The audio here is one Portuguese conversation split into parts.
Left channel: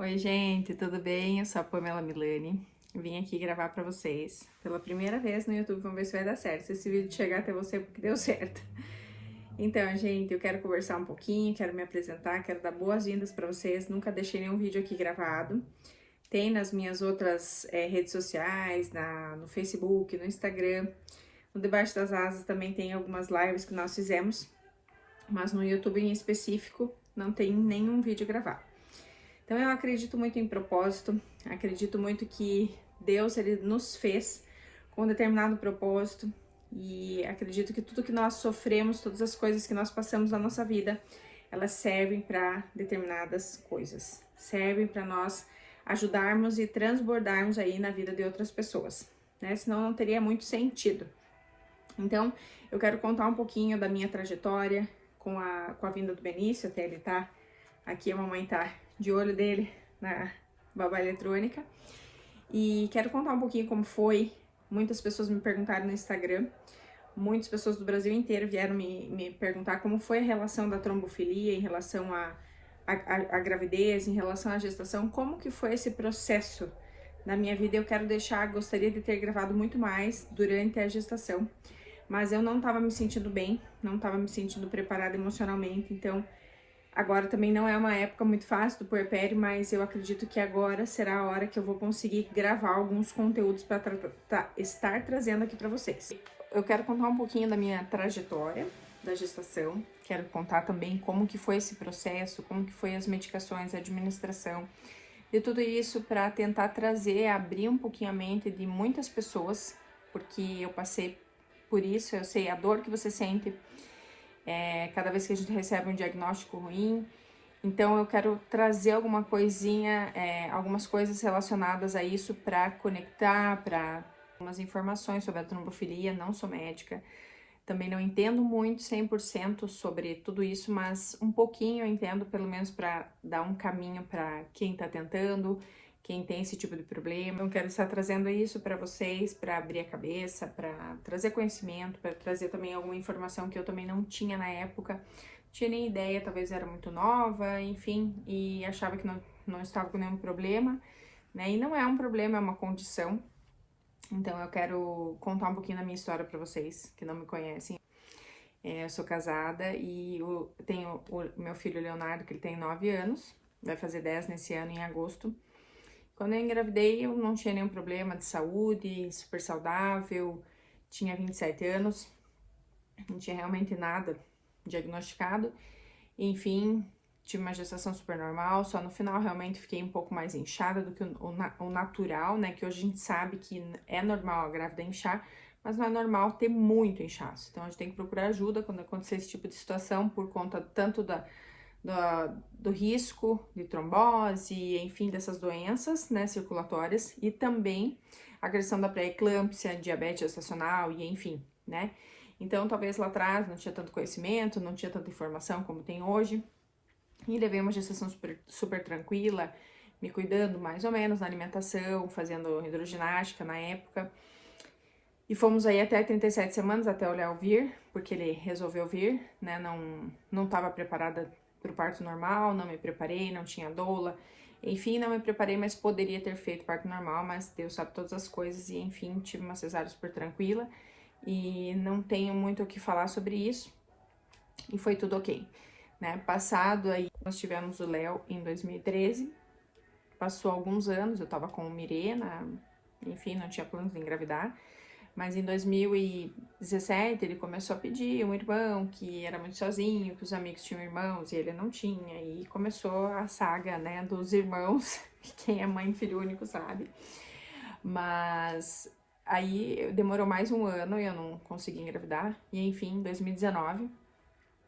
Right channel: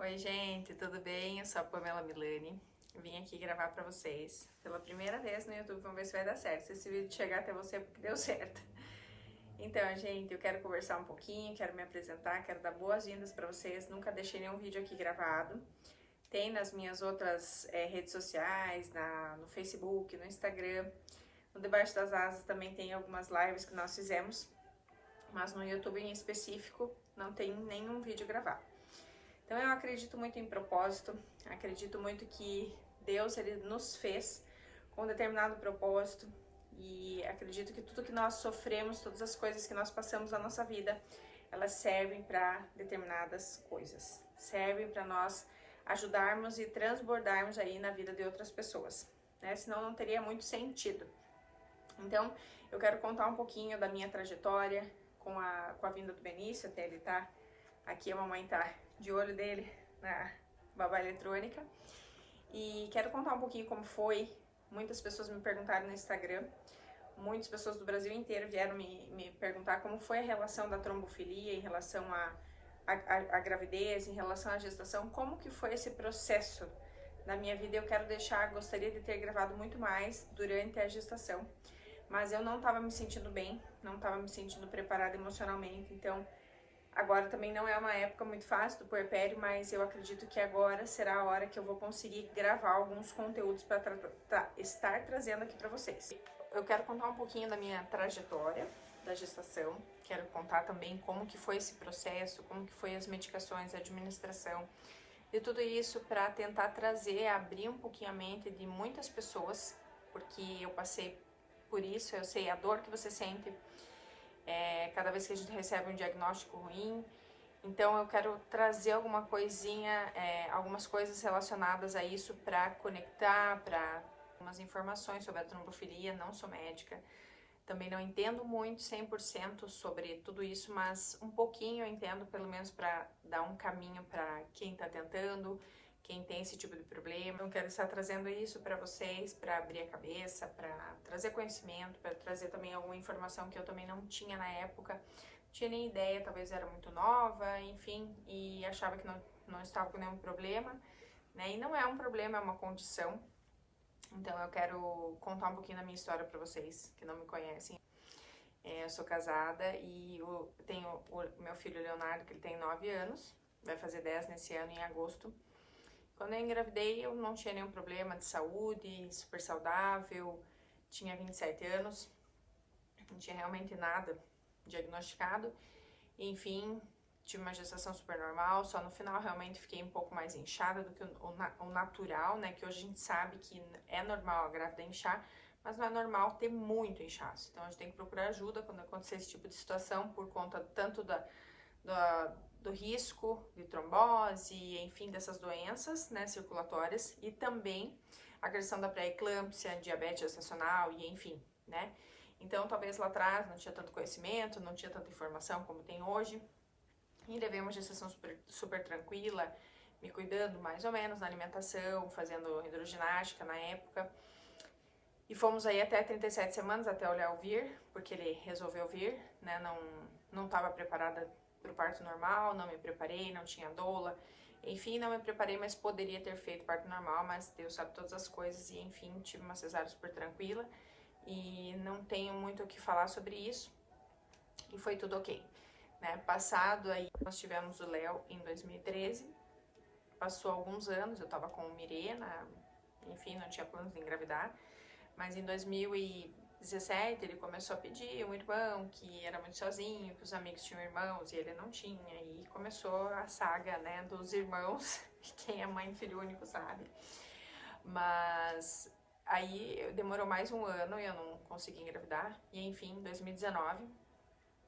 Oi, gente, tudo bem? Eu sou a Pamela Milani. Vim aqui gravar pra vocês pela primeira vez no YouTube. Vamos ver se vai dar certo. Se esse vídeo chegar até você, porque deu certo. Então, gente, eu quero conversar um pouquinho, quero me apresentar, quero dar boas-vindas pra vocês. Nunca deixei nenhum vídeo aqui gravado. Tem nas minhas outras redes sociais, no Facebook, no Instagram. No Debaixo das Asas também tem algumas lives que nós fizemos, mas no YouTube em específico não tem nenhum vídeo gravado. Então eu acredito muito em propósito, acredito muito que Deus ele nos fez com um determinado propósito e acredito que tudo que nós sofremos, todas as coisas que nós passamos na nossa vida, elas servem para determinadas coisas, servem para nós ajudarmos e transbordarmos aí na vida de outras pessoas, né? Senão não teria muito sentido. Então eu quero contar um pouquinho da minha trajetória com a vinda do Benício, até ele tá aqui, a mamãe tá de olho dele na babá eletrônica. E quero contar um pouquinho como foi. Muitas pessoas me perguntaram no Instagram, muitas pessoas do Brasil inteiro vieram me perguntar como foi a relação da trombofilia em relação à gravidez, em relação à gestação, como que foi esse processo na minha vida. Eu quero deixar, gostaria de ter gravado muito mais durante a gestação, mas eu não estava me sentindo bem, não estava me sentindo preparada emocionalmente, então agora também não é uma época muito fácil do puerpério, mas eu acredito que agora será a hora que eu vou conseguir gravar alguns conteúdos para estar trazendo aqui para vocês. Eu quero contar um pouquinho da minha trajetória da gestação, quero contar também como que foi esse processo, como que foi as medicações, a administração, e tudo isso para tentar trazer, abrir um pouquinho a mente de muitas pessoas, porque eu passei por isso, eu sei a dor que você sente cada vez que a gente recebe um diagnóstico ruim. Então eu quero trazer alguma coisinha, algumas coisas relacionadas a isso para conectar, para algumas informações sobre a trombofilia. Não sou médica, também não entendo muito 100% sobre tudo isso, mas um pouquinho eu entendo, pelo menos para dar um caminho para quem está tentando, quem tem esse tipo de problema. Então quero estar trazendo isso para vocês, para abrir a cabeça, para trazer conhecimento, para trazer também alguma informação que eu também não tinha na época. Não tinha nem ideia, talvez era muito nova, enfim, e achava que não estava com nenhum problema, né? E não é um problema, é uma condição. Então eu quero contar um pouquinho da minha história para vocês que não me conhecem. Eu sou casada e tenho o meu filho Leonardo, que ele tem 9 anos, vai fazer 10 nesse ano, em agosto. Quando eu engravidei, eu não tinha nenhum problema de saúde, super saudável, tinha 27 anos, não tinha realmente nada diagnosticado. Enfim, tive uma gestação super normal, só no final realmente fiquei um pouco mais inchada do que o natural, né? Que hoje a gente sabe que é normal a grávida inchar, mas não é normal ter muito inchaço. Então a gente tem que procurar ajuda quando acontecer esse tipo de situação, por conta tanto do risco de trombose, enfim, dessas doenças, né, circulatórias, e também a questão da pré-eclâmpsia, diabetes gestacional e enfim, né. Então, talvez lá atrás não tinha tanto conhecimento, não tinha tanta informação como tem hoje, e levei uma gestação super tranquila, me cuidando mais ou menos na alimentação, fazendo hidroginástica na época. E fomos aí até 37 semanas, até o Léo vir, porque ele resolveu vir, né, não estava preparada para o parto normal, não me preparei, não tinha doula, enfim, não me preparei, mas poderia ter feito parto normal, mas Deus sabe todas as coisas, e enfim, tive uma cesárea super tranquila, e não tenho muito o que falar sobre isso, e foi tudo ok, né. Passado aí, nós tivemos o Léo em 2013, passou alguns anos, eu tava com o Mirena, enfim, não tinha planos de engravidar, mas em 2017 ele começou a pedir um irmão, que era muito sozinho, que os amigos tinham irmãos e ele não tinha, e começou a saga, né, dos irmãos, quem é mãe e filho único sabe. Mas aí demorou mais um ano e eu não consegui engravidar, e enfim, em 2019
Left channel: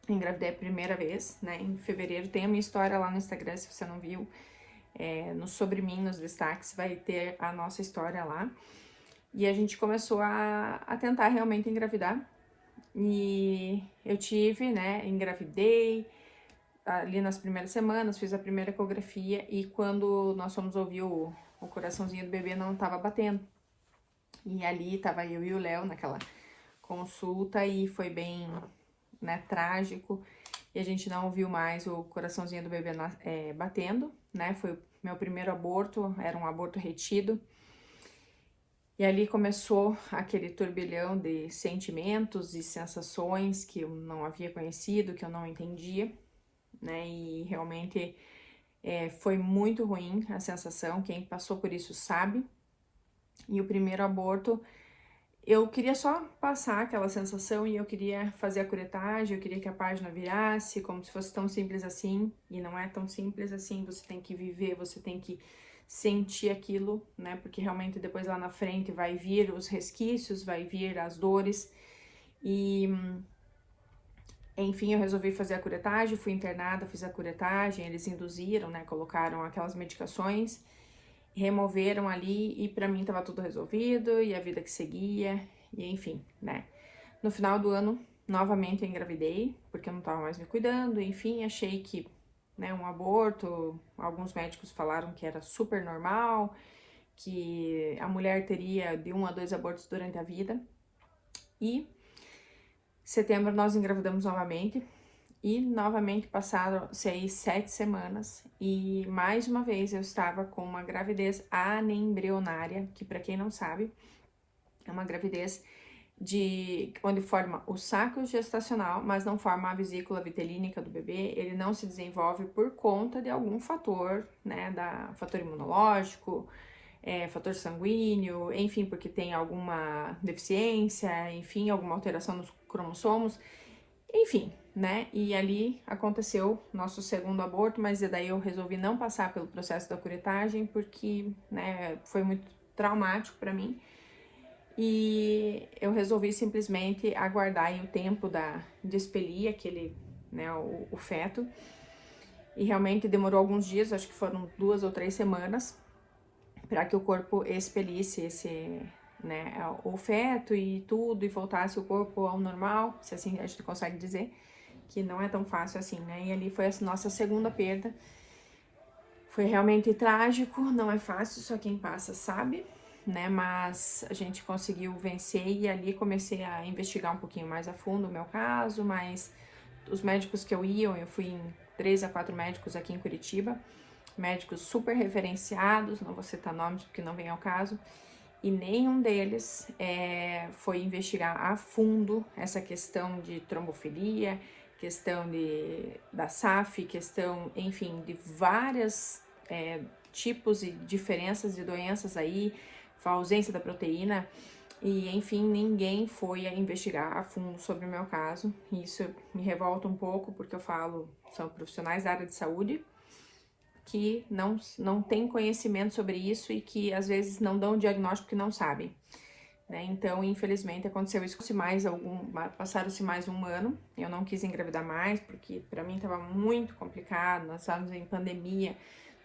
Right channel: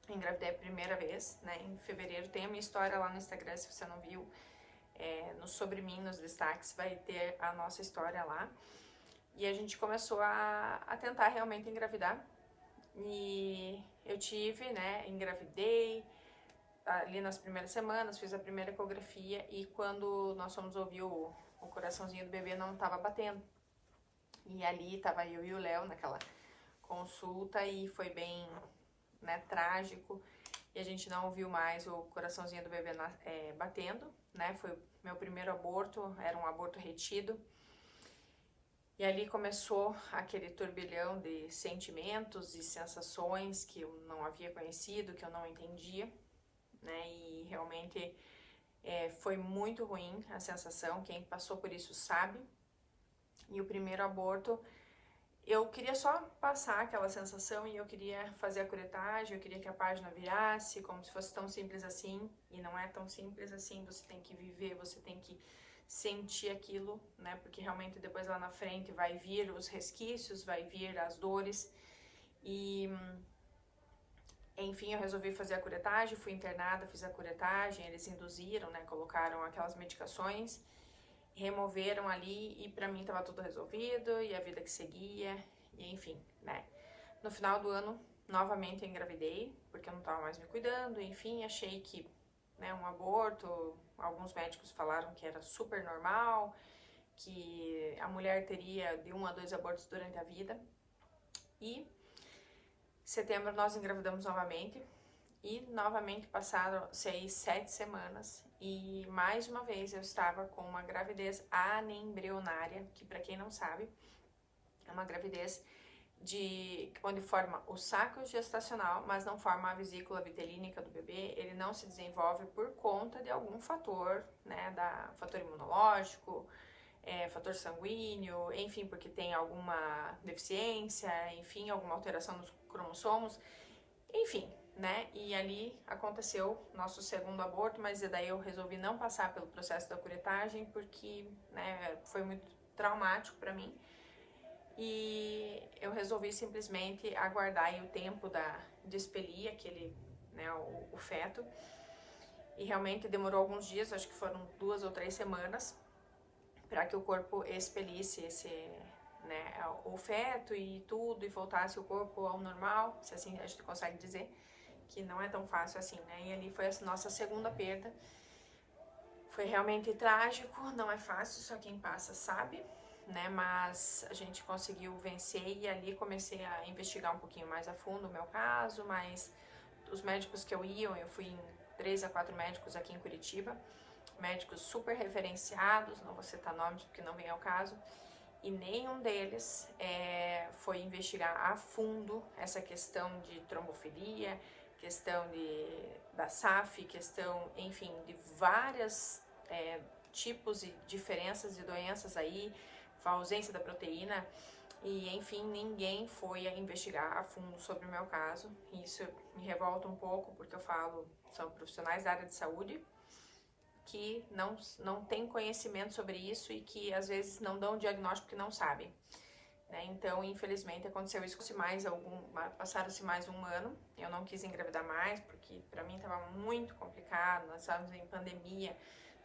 engravidei a primeira vez, né, em fevereiro. Tem a minha história lá no Instagram, se você não viu, no Sobre Mim, nos destaques, vai ter a nossa história lá. E a gente começou a tentar realmente engravidar. E eu tive, né, engravidei ali nas primeiras semanas, fiz a primeira ecografia e quando nós fomos ouvir o coraçãozinho do bebê não tava batendo. E ali tava eu e o Léo naquela consulta e foi bem, né, trágico. e a gente não ouviu mais o coraçãozinho do bebê batendo, né? Foi o meu primeiro aborto, era um aborto retido. E ali começou aquele turbilhão de sentimentos e sensações que eu não havia conhecido, que eu não entendia, né? E realmente foi muito ruim a sensação, quem passou por isso sabe. E o primeiro aborto, eu queria só passar aquela sensação e eu queria fazer a curetagem, eu queria que a página virasse, como se fosse tão simples assim, e não é tão simples assim, você tem que viver, você tem que sentir aquilo, né, porque realmente depois lá na frente vai vir os resquícios, vai vir as dores, e enfim, eu resolvi fazer a curetagem, fui internada, fiz a curetagem, eles induziram, né, colocaram aquelas medicações, removeram ali e pra mim tava tudo resolvido e a vida que seguia, e enfim, né. No final do ano, novamente eu engravidei, porque eu não tava mais me cuidando, enfim, achei que, né, um aborto, alguns médicos falaram que era super normal, que a mulher teria de 1 a 2 abortos durante a vida, e em setembro nós engravidamos novamente, e novamente passaram 6, 7 semanas e mais uma vez eu estava com uma gravidez anembrionária, que para quem não sabe, é uma gravidez onde forma o saco gestacional, mas não forma a vesícula vitelínica do bebê, ele não se desenvolve por conta de algum fator, né, fator imunológico, fator sanguíneo, enfim, porque tem alguma deficiência, enfim, alguma alteração nos cromossomos, enfim, né? E ali aconteceu nosso segundo aborto, mas daí eu resolvi não passar pelo processo da curetagem porque, né, foi muito traumático para mim. E eu resolvi simplesmente aguardar aí o tempo de expelir aquele, né, o feto. E realmente demorou alguns dias, acho que foram 2 ou 3 semanas, para que o corpo expelisse esse, né, o feto e tudo, e voltasse o corpo ao normal, se assim a gente consegue dizer, que não é tão fácil assim, né? E ali foi a nossa segunda perda. Foi realmente trágico, não é fácil, só quem passa sabe, né? Mas a gente conseguiu vencer e ali comecei a investigar um pouquinho mais a fundo o meu caso, mas os médicos que eu fui em 3 a 4 médicos aqui em Curitiba, médicos super referenciados, não vou citar nomes porque não vem ao caso, e nenhum deles foi investigar a fundo essa questão de trombofilia, questão da SAF, questão, enfim, de várias tipos e diferenças de doenças aí, a ausência da proteína, e enfim, ninguém foi a investigar a fundo sobre o meu caso. Isso me revolta um pouco, porque eu falo, são profissionais da área de saúde, que não têm conhecimento sobre isso e que às vezes não dão o diagnóstico porque não sabem, né? Então, infelizmente, aconteceu isso. Passaram-se mais um ano, eu não quis engravidar mais porque pra mim tava muito complicado, nós estávamos em pandemia,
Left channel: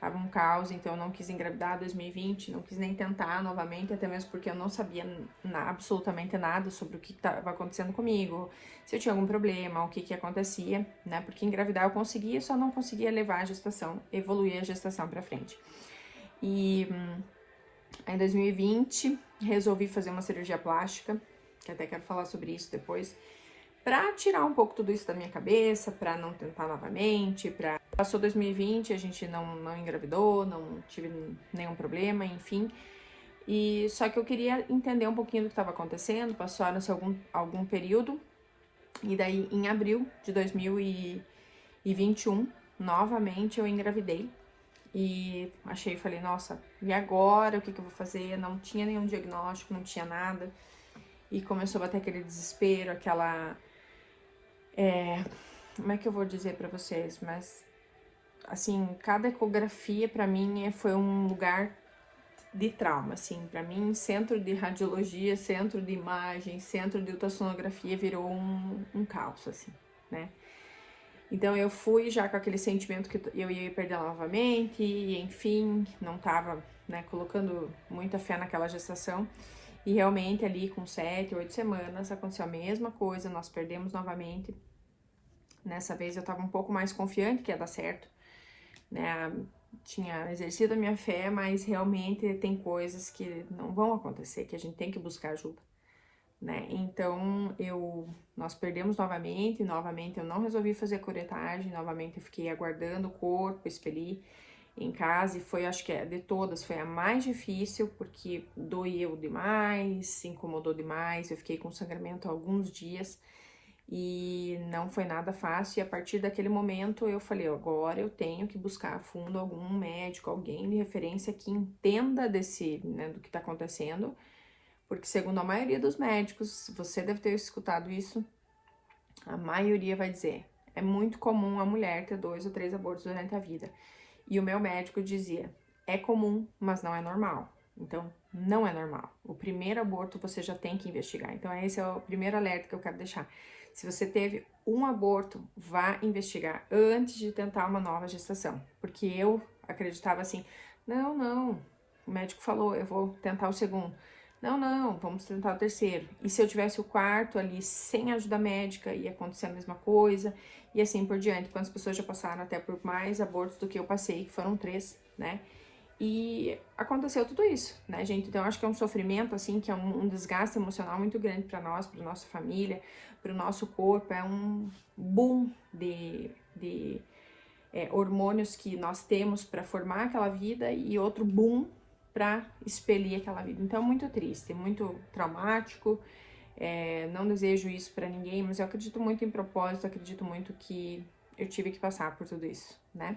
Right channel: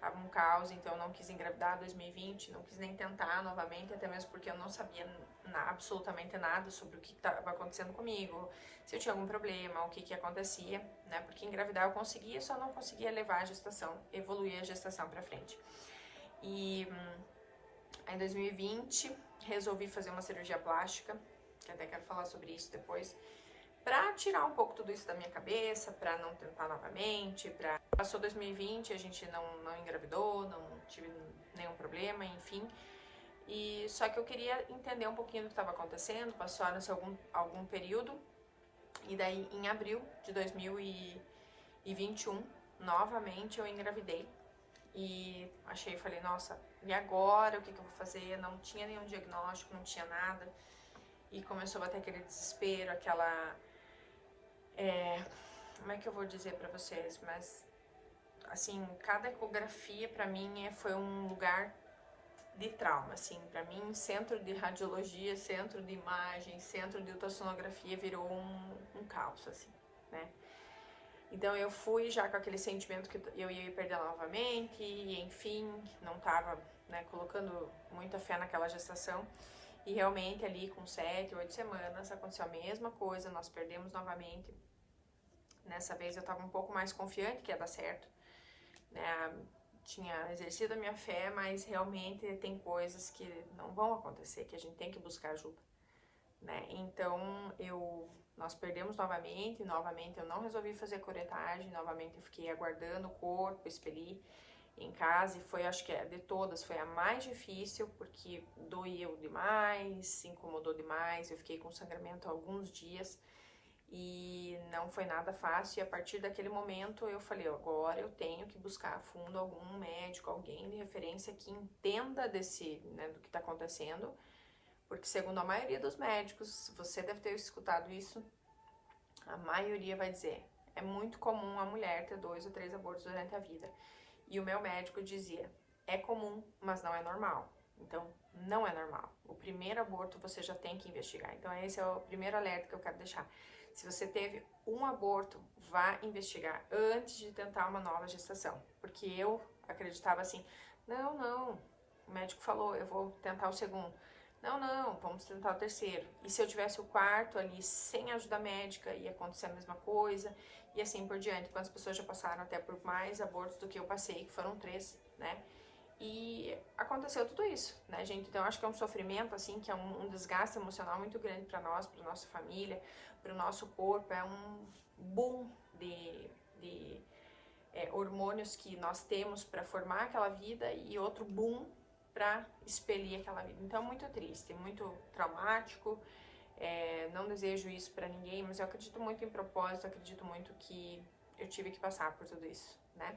tava um caos, então eu não quis engravidar em 2020, não quis nem tentar novamente, até mesmo porque eu não sabia absolutamente nada sobre o que estava acontecendo comigo, se eu tinha algum problema, o que acontecia, né? Porque engravidar eu conseguia, só não conseguia levar a gestação, evoluir a gestação pra frente. E em 2020, resolvi fazer uma cirurgia plástica, que até quero falar sobre isso depois, pra tirar um pouco tudo isso da minha cabeça, pra não tentar novamente, Passou 2020, a gente não engravidou, não tive nenhum problema, enfim. E só que eu queria entender um pouquinho do que estava acontecendo, passaram-se algum período, e daí em abril de 2021, novamente eu engravidei. E falei, nossa, e agora? O que eu vou fazer? Não tinha nenhum diagnóstico, não tinha nada. E começou a bater aquele desespero, como é que eu vou dizer pra vocês? Mas, assim, cada ecografia pra mim foi um lugar de trauma, assim. Pra mim, centro de radiologia, centro de imagem, centro de ultrassonografia virou um caos, assim, né? Então eu fui já com aquele sentimento que eu ia perder ela novamente, e enfim, não tava, né, colocando muita fé naquela gestação. E realmente ali com 7, 8 semanas aconteceu a mesma coisa, nós perdemos novamente. Nessa vez eu tava um pouco mais confiante que ia dar certo, né? Tinha exercido a minha fé, mas realmente tem coisas que não vão acontecer, que a gente tem que buscar ajuda, né? Então, nós perdemos novamente eu não resolvi fazer curetagem, novamente eu fiquei aguardando o corpo expelir em casa, e foi, acho que de todas, foi a mais difícil, porque doeu demais, incomodou demais, eu fiquei com sangramento há alguns dias, e não foi nada fácil, e a partir daquele momento eu falei, agora eu tenho que buscar a fundo algum médico, alguém de referência que entenda né, do que tá acontecendo, porque segundo a maioria dos médicos, você deve ter escutado isso, a maioria vai dizer, é muito comum a mulher ter 2 ou 3 abortos durante a vida. E o meu médico dizia, é comum, mas não é normal. Então, não é normal. O primeiro aborto você já tem que investigar. Então, esse é o primeiro alerta que eu quero deixar. Se você teve um aborto, vá investigar antes de tentar uma nova gestação. Porque eu acreditava assim, não, o médico falou, eu vou tentar o segundo. Não, vamos tentar o terceiro. E se eu tivesse o quarto ali sem ajuda médica, ia acontecer a mesma coisa, e assim por diante. Quantas pessoas já passaram até por mais abortos do que eu passei, que foram 3, né? E aconteceu tudo isso, né, gente? Então, eu acho que é um sofrimento, assim, que é um desgaste emocional muito grande para nós, para nossa família, para o nosso corpo. É um boom de hormônios que nós temos para formar aquela vida e outro boom para expelir aquela vida. Então, é muito triste, muito traumático. Não desejo isso para ninguém, mas eu acredito muito em propósito, acredito muito que eu tive que passar por tudo isso, né?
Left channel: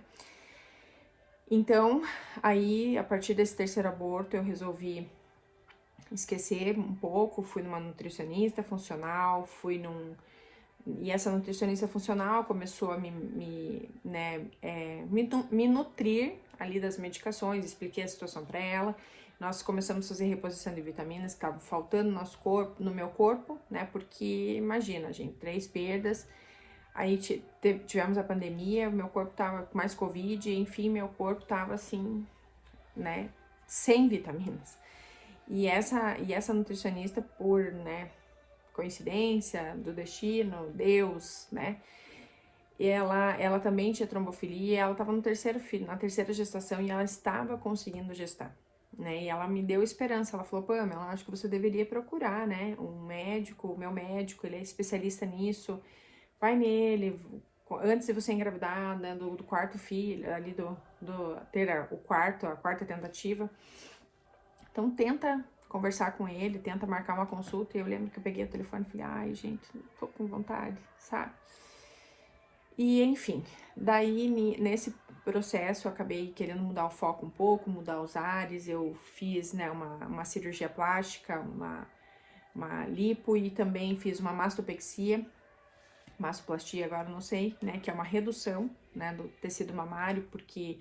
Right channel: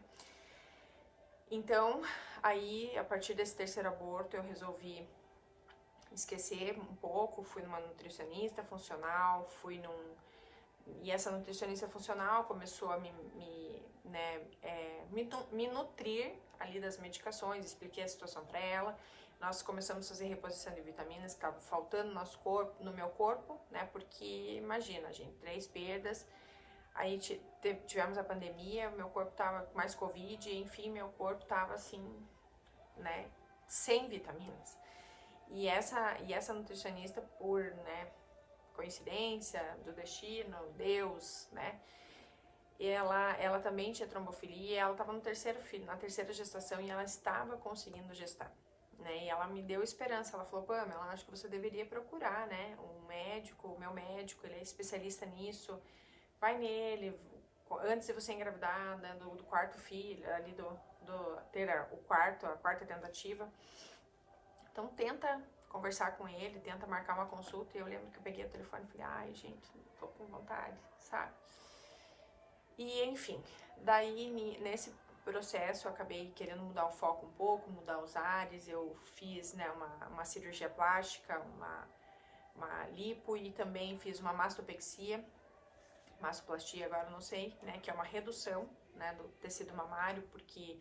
Então, aí, a partir desse terceiro aborto, eu resolvi esquecer um pouco, fui numa nutricionista funcional, e essa nutricionista funcional começou a me nutrir ali das medicações, expliquei a situação para ela. Nós começamos a fazer reposição de vitaminas que estavam faltando no meu corpo, né? Porque imagina, gente, 3 perdas. Aí tivemos a pandemia, meu corpo tava com mais Covid, enfim, meu corpo tava assim, né? Sem vitaminas. E essa nutricionista, por, né, coincidência do destino, Deus, né? E ela também tinha trombofilia, ela estava no terceiro filho, na terceira gestação, e ela estava conseguindo gestar, né? E ela me deu esperança, ela falou, Pamela, acho que você deveria procurar, né, um médico, o meu médico, ele é especialista nisso, vai nele, antes de você engravidar, né, do quarto filho, ali ter a quarta tentativa. Então tenta conversar com ele, tenta marcar uma consulta. E eu lembro que eu peguei o telefone e falei, ai, gente, não tô com vontade, sabe? E enfim, daí nesse processo eu acabei querendo mudar o foco um pouco, mudar os ares. Eu fiz, né, uma cirurgia plástica, uma lipo, e também fiz uma mastopexia, mastoplastia agora não sei, né, que é uma redução, né, do tecido mamário, porque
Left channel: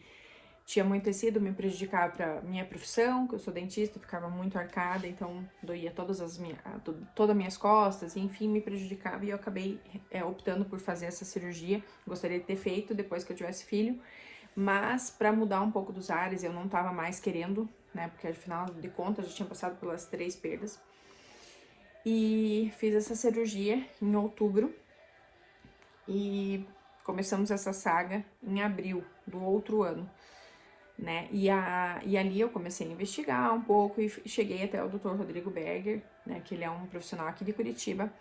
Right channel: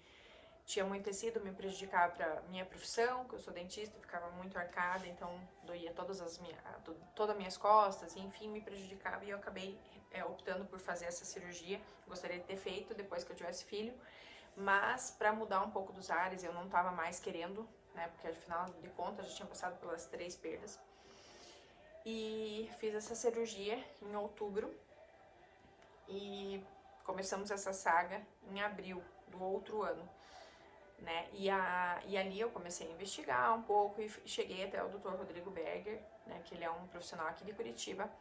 tinha muito tecido, me prejudicava para minha profissão, que eu sou dentista, ficava muito arcada, então doía todas as minhas costas, enfim, me prejudicava, e eu acabei optando por fazer essa cirurgia. Gostaria de ter feito depois que eu tivesse filho, mas para mudar um pouco dos ares, eu não tava mais querendo, né, porque afinal de contas eu já tinha passado pelas 3 perdas. E fiz essa cirurgia em outubro, e começamos essa saga em abril do outro ano, né? E ali eu comecei a investigar um pouco e cheguei até o Dr. Rodrigo Berger, né? Que ele é um profissional aqui de Curitiba.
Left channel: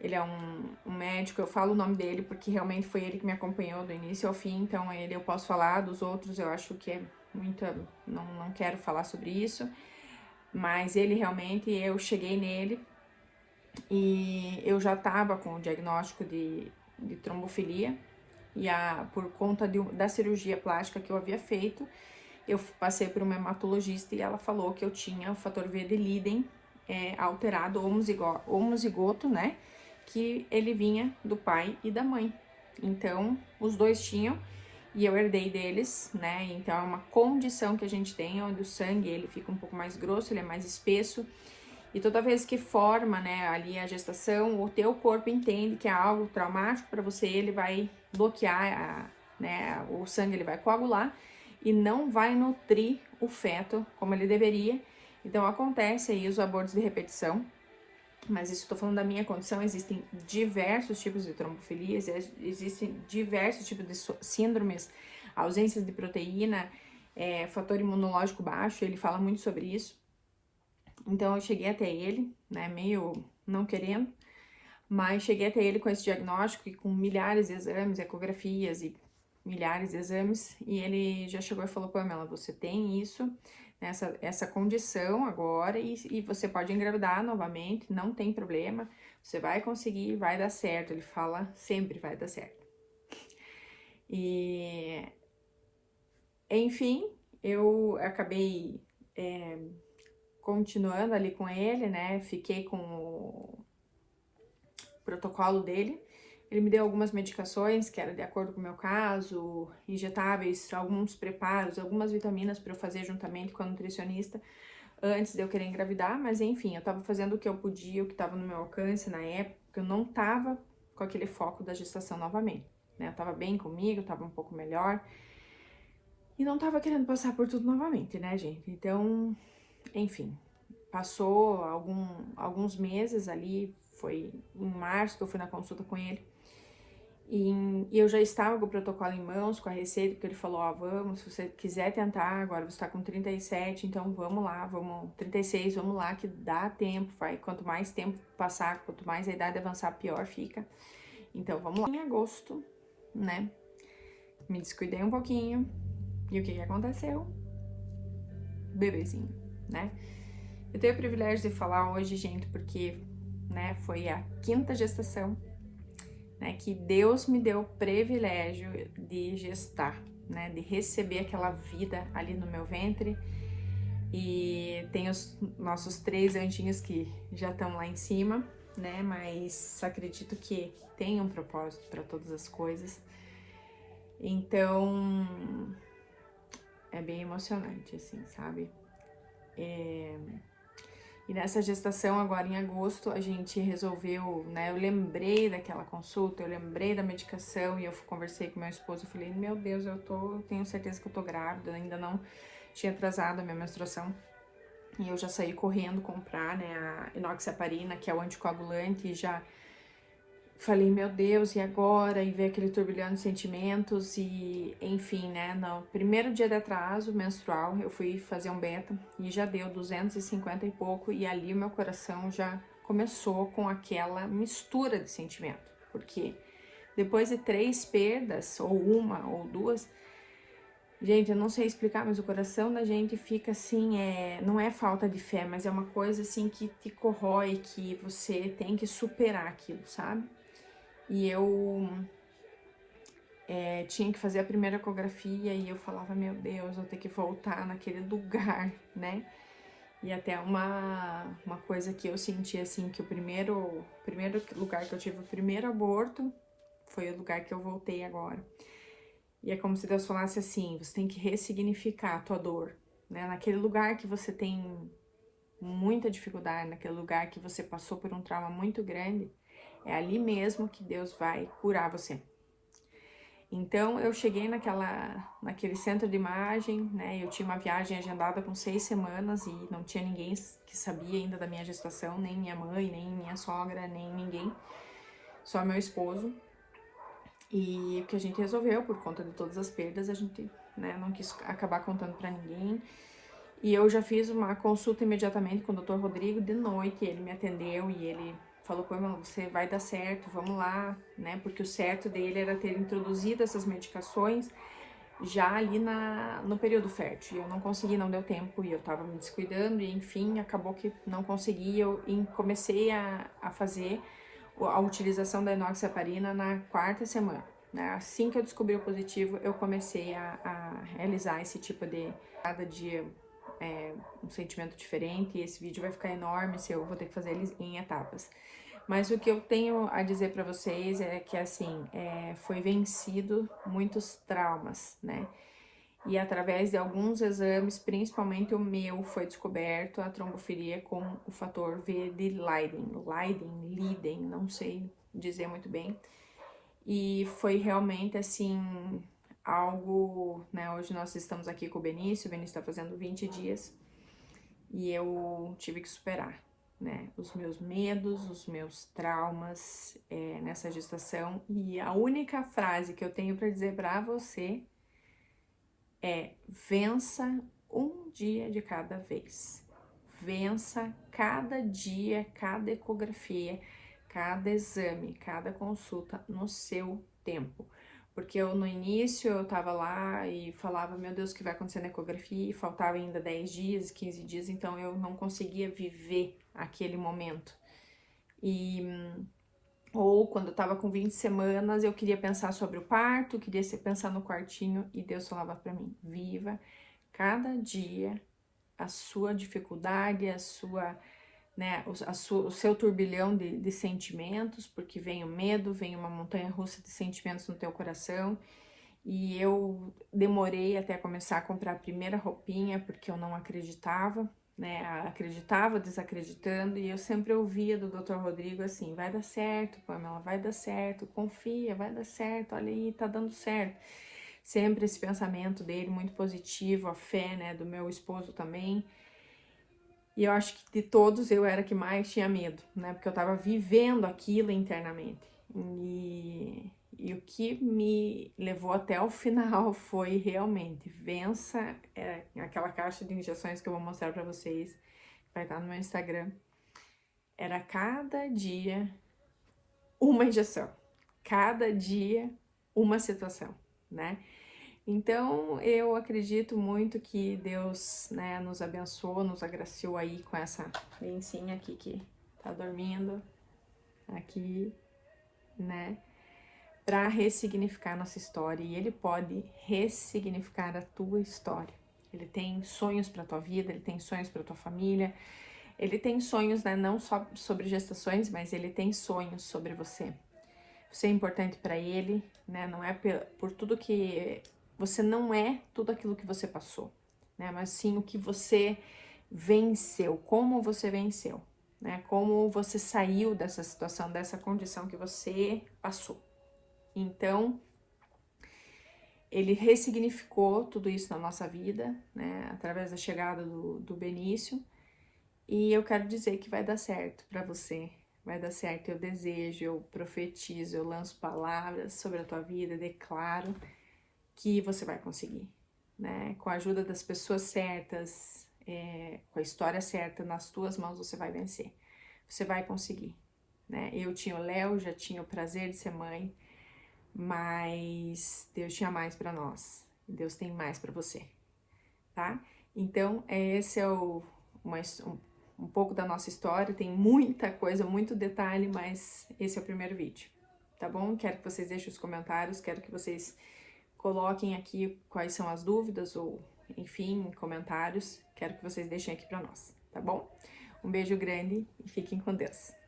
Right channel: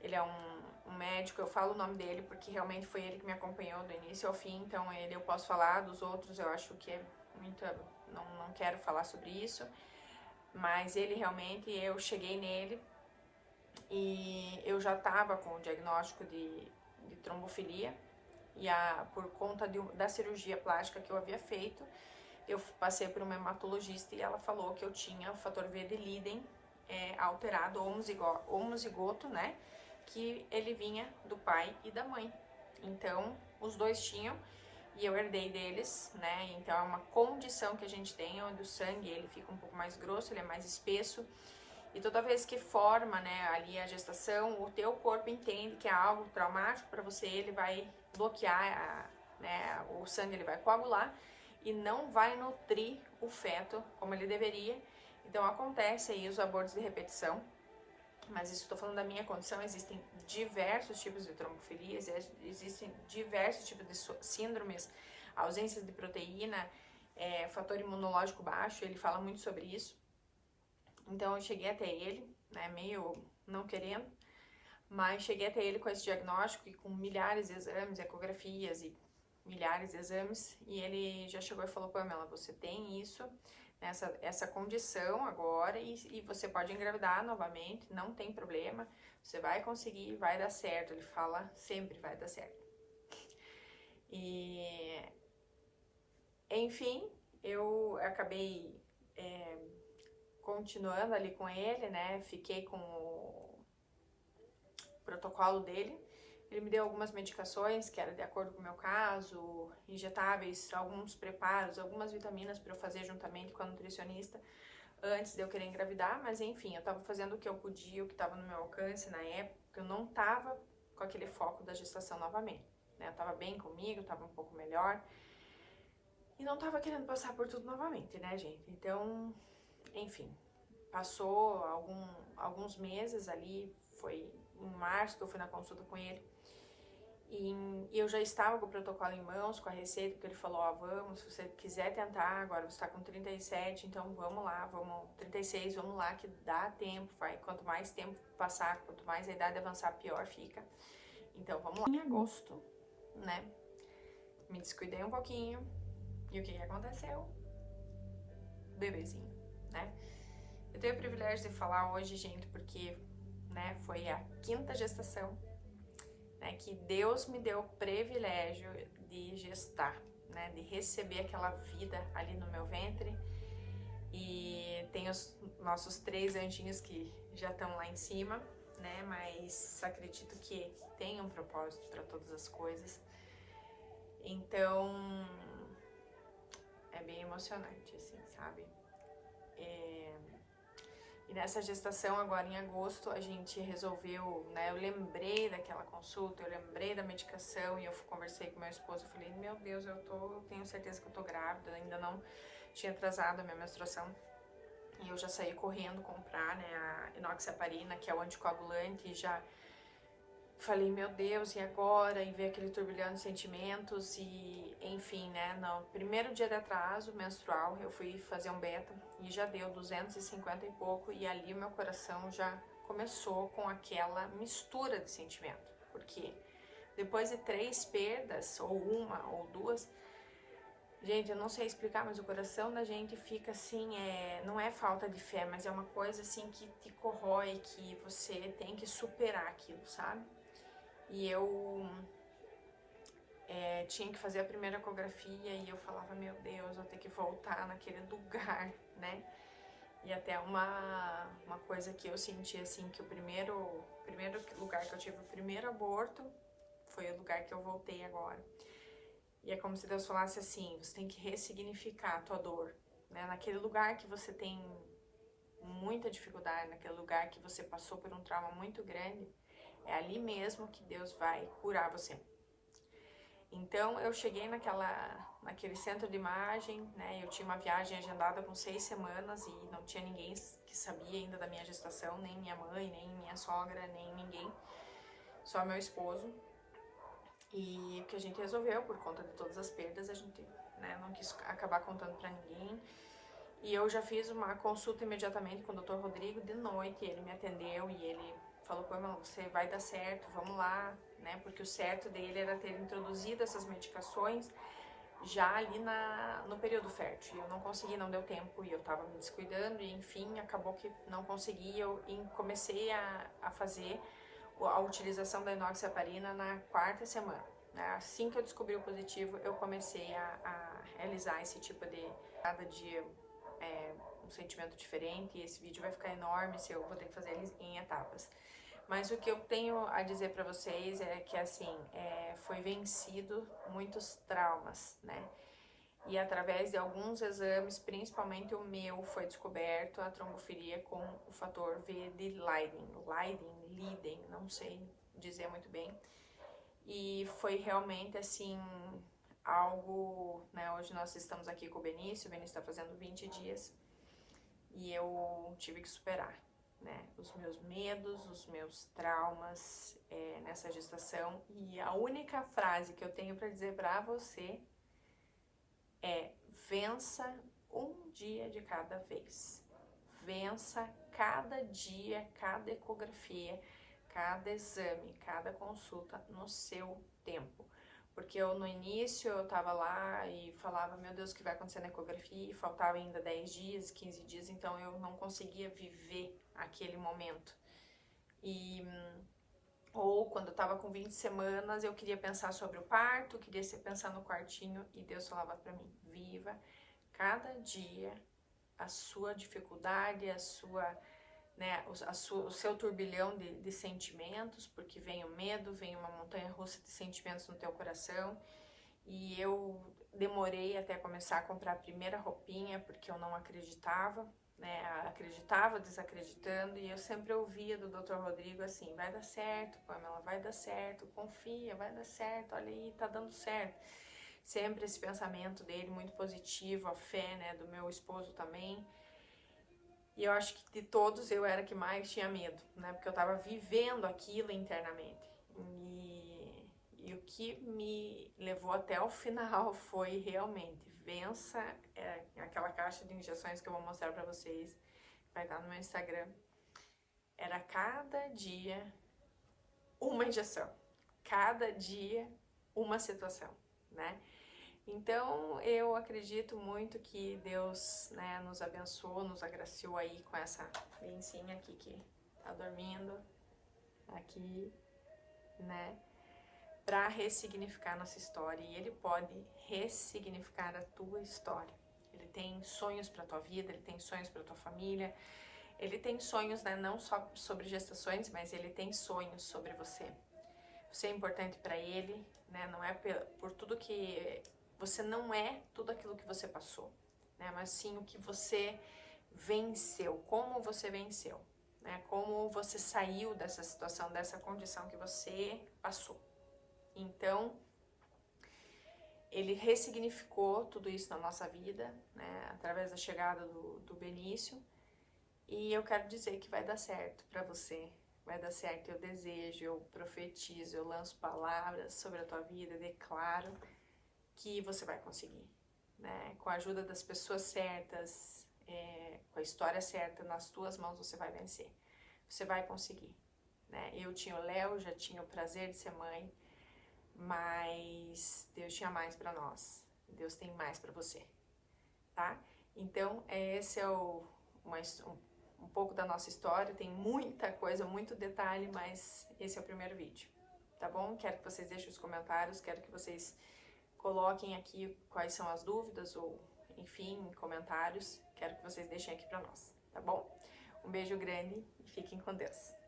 Ele é um médico, eu falo o nome dele porque realmente foi ele que me acompanhou do início ao fim, então eu posso falar. Dos outros eu acho que é muito, não quero falar sobre isso, mas ele realmente, eu cheguei nele e eu já estava com o diagnóstico de trombofilia, e por conta da cirurgia plástica que eu havia feito, eu passei por uma hematologista e ela falou que eu tinha o fator V de Leiden alterado, homozigoto, né? Que ele vinha do pai e da mãe. Então, os dois tinham e eu herdei deles, né? Então, é uma condição que a gente tem, onde o sangue ele fica um pouco mais grosso, ele é mais espesso. E toda vez que forma, né, ali a gestação, o teu corpo entende que é algo traumático para você, ele vai bloquear, né, o sangue, ele vai coagular e não vai nutrir o feto como ele deveria. Então acontece aí os abortos de repetição, mas isso estou falando da minha condição. Existem diversos tipos de trombofilias, existem diversos tipos de síndromes, ausências de proteína, fator imunológico baixo, ele fala muito sobre isso. Então eu cheguei até ele, né, meio não querendo, mas cheguei até ele com esse diagnóstico e com milhares de exames, ecografias e milhares de exames, e ele já chegou e falou: Pamela, você tem isso, essa condição agora, e você pode engravidar novamente, não tem problema, você vai conseguir, vai dar certo. Ele fala sempre vai dar certo. E, enfim, eu acabei continuando ali com ele, né, fiquei com o protocolo dele. Ele me deu algumas medicações que era de acordo com o meu caso, injetáveis, alguns preparos, algumas vitaminas para eu fazer juntamente com a nutricionista antes de eu querer engravidar, mas enfim, eu tava fazendo o que eu podia, o que tava no meu alcance na época, eu não tava com aquele foco da gestação novamente, né? Eu tava bem comigo, tava um pouco melhor e não tava querendo passar por tudo novamente, né, gente? Então, enfim, passou alguns meses ali, foi em março que eu fui na consulta com ele. E eu já estava com o protocolo em mãos, com a receita, porque ele falou: ó, vamos, se você quiser tentar, agora você tá com 37, então vamos lá, vamos, 36, vamos lá, que dá tempo, vai, quanto mais tempo passar, quanto mais a idade avançar, pior fica. Então vamos lá. Em agosto, né, me descuidei um pouquinho, e o que aconteceu? Bebezinho, né? Eu tenho o privilégio de falar hoje, gente, porque, né, foi a 5ª gestação, né, que Deus me deu o privilégio de gestar, né, de receber aquela vida ali no meu ventre. E tem os nossos 3 anjinhos que já estão lá em cima, né, mas acredito que tem um propósito para todas as coisas. Então, é bem emocionante, assim, sabe? E nessa gestação, agora em agosto, a gente resolveu, né? Eu lembrei daquela consulta, eu lembrei da medicação e eu conversei com meu esposo. Eu falei: meu Deus, eu tenho certeza que eu tô grávida, ainda não tinha atrasado a minha menstruação. E eu já saí correndo comprar, né, a enoxaparina, que é o anticoagulante, e já falei: meu Deus, e agora? E ver aquele turbilhão de sentimentos, e enfim, né, no primeiro dia de atraso menstrual, eu fui fazer um beta, e já deu 250 e pouco, e ali o meu coração já começou com aquela mistura de sentimento, porque depois de 3 perdas, ou 1 ou 2, gente, eu não sei explicar, mas o coração da gente fica assim, não é falta de fé, mas é uma coisa assim que te corrói, que você tem que superar aquilo, sabe? E eu tinha que fazer a primeira ecografia e eu falava: meu Deus, eu vou ter que voltar naquele lugar, né? E até uma coisa que eu senti, assim, que o primeiro lugar que eu tive o primeiro aborto foi o lugar que eu voltei agora. E é como se Deus falasse assim: você tem que ressignificar a tua dor, né? Naquele lugar que você tem muita dificuldade, naquele lugar que você passou por um trauma muito grande, é ali mesmo que Deus vai curar você. Então, eu cheguei naquele centro de imagem, né? Eu tinha uma viagem agendada com 6 semanas e não tinha ninguém que sabia ainda da minha gestação, nem minha mãe, nem minha sogra, nem ninguém, só meu esposo. E o que a gente resolveu, por conta de todas as perdas, a gente, né, não quis acabar contando pra ninguém. E eu já fiz uma consulta imediatamente com o Dr. Rodrigo de noite, ele me atendeu e ele falou: Pamela, você vai dar certo, vamos lá, né? Porque o certo dele era ter introduzido essas medicações já ali no período fértil. E eu não consegui, não deu tempo, e eu tava me descuidando, e enfim, acabou que não consegui. Eu comecei a fazer a utilização da enoxaparina na 4ª semana, né? Assim que eu descobri o positivo, eu comecei a realizar esse tipo de cada dia um sentimento diferente, e esse vídeo vai ficar enorme se eu vou ter que fazer ele em etapas. Mas o que eu tenho a dizer para vocês é que, assim, foi vencido muitos traumas, né? E através de alguns exames, principalmente o meu, foi descoberto a trombofilia com o fator V de Leiden, não sei dizer muito bem. E foi realmente, assim, algo, né? Hoje nós estamos aqui com o Benício está fazendo 20 dias e eu tive que superar, né, os meus medos, os meus traumas nessa gestação. E a única frase que eu tenho para dizer para você é: vença um dia de cada vez. vença cada dia, cada ecografia, cada exame, cada consulta no seu tempo. Porque eu no início eu tava lá e falava, meu Deus, o que vai acontecer na ecografia? E faltava ainda 10 dias, 15 dias, então eu não conseguia viver aquele momento. Ou quando eu tava com 20 semanas, eu queria pensar sobre o parto, queria pensar no quartinho, e Deus falava pra mim, viva cada dia a sua dificuldade, a sua, né, o seu turbilhão de sentimentos, porque vem o medo, vem uma montanha-russa de sentimentos no teu coração. E eu demorei até começar a comprar a primeira roupinha, porque eu não acreditava, né? Acreditava desacreditando, e eu sempre ouvia do Dr. Rodrigo assim: vai dar certo, Pamela, vai dar certo, confia, vai dar certo, olha aí, tá dando certo. Sempre esse pensamento dele muito positivo, a fé, né, do meu esposo também. E eu acho que de todos eu era que mais tinha medo, né? Porque eu tava vivendo aquilo internamente. E o que me levou até o final foi realmente vença aquela caixa de injeções que eu vou mostrar pra vocês, vai estar no meu Instagram. Era cada dia uma injeção, cada dia uma situação, né? Então, eu acredito muito que Deus, né, nos abençoou, nos agraciou aí com essa bencinha aqui que tá dormindo aqui, né, para ressignificar nossa história. E Ele pode ressignificar a tua história. Ele tem sonhos para tua vida, Ele tem sonhos para tua família, Ele tem sonhos, né, não só sobre gestações, mas Ele tem sonhos sobre você. Você é importante para Ele, né, não é por tudo que... Você não é tudo aquilo que você passou, né? Mas sim o que você venceu, como você venceu, né? Como você saiu dessa situação, dessa condição que você passou. Então, ele ressignificou tudo isso na nossa vida, né? Através da chegada do Benício. E eu quero dizer que vai dar certo para você. Vai dar certo, eu desejo, eu profetizo, eu lanço palavras sobre a tua vida, declaro que você vai conseguir, né? Com a ajuda das pessoas certas, com a história certa nas tuas mãos, você vai vencer. Você vai conseguir, né? Eu tinha o Léo, já tinha o prazer de ser mãe, mas Deus tinha mais para nós. Deus tem mais para você, tá? Então, esse é um pouco da nossa história. Tem muita coisa, muito detalhe, mas esse é o primeiro vídeo, tá bom? Quero que vocês deixem os comentários, quero que vocês coloquem aqui quais são as dúvidas ou, enfim, comentários. Quero que vocês deixem aqui para nós, tá bom? Um beijo grande e fiquem com Deus.